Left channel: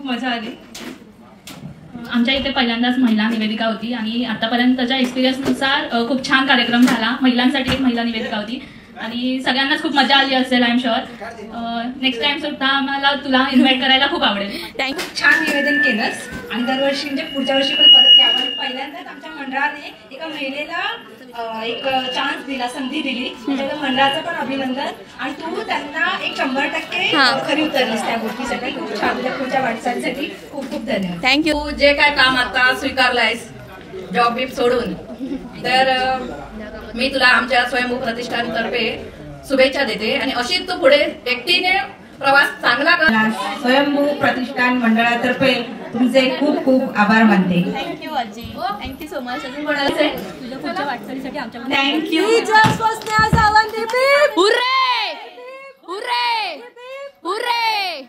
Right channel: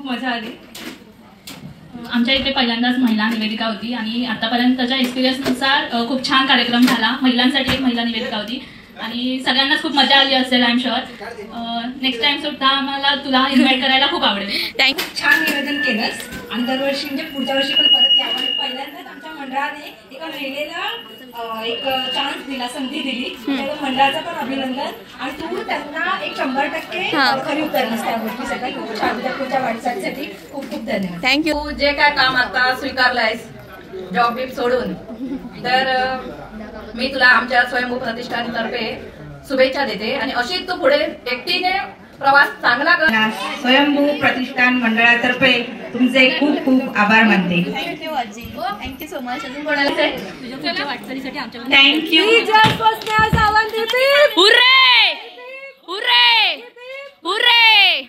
खूप मजा आली। आमच्या इथे पहिल्यांदाच महिला निवेदिका होती आणि आतापर्यंतच्या एक्सपिरियन्सनुसार खूप छान कार्यक्रम झाला। महिलांसाठी एक महिला निवेदिका होती आणि सगळ्यांनाच खूप मजा आली असेल I am sure. Next time सुद्धा आम्हाला तुला इन्व्हाइट करायला खूप आवडेल। थँक्यू, छान निवेदन केलंस आणि दरवर्षी म्हणजे पुढच्या वर्षी पण परत यावं। पहिल्यांदाच आमच्या मंडळाने एका महिलेला एक चान्स दिला, संधी दिली, त्या मंडळाचं पण अभिनंदन। आणि तू त्यांना एक 100% खरी उतरलीस त्या गोष्टीसाठी। खूप छान, तुझ्या पुढच्या वाटचालीसाठी खूप खूप धन्यवाद। थँक्यू। जे काय काम आता स्वीकारलंयस जॉब बीप सोडून, तर मी तुला आमच्या स्वयंभू प्रतिष्ठानतर्फे शुभेच्छा देते आणि अशीच तू पुढे एकटीने प्रवास चांगला कर। स्वयंभू प्रतिष्ठान मंडळातर्फे तुमचे खूप खूप आभार मानते। थँक्यू आजी, थँक्यू सो मच। अजून कोणाला तुझ्या वाटचालीसाठी आमच्या थँक्यू। Hurray hurray hurray.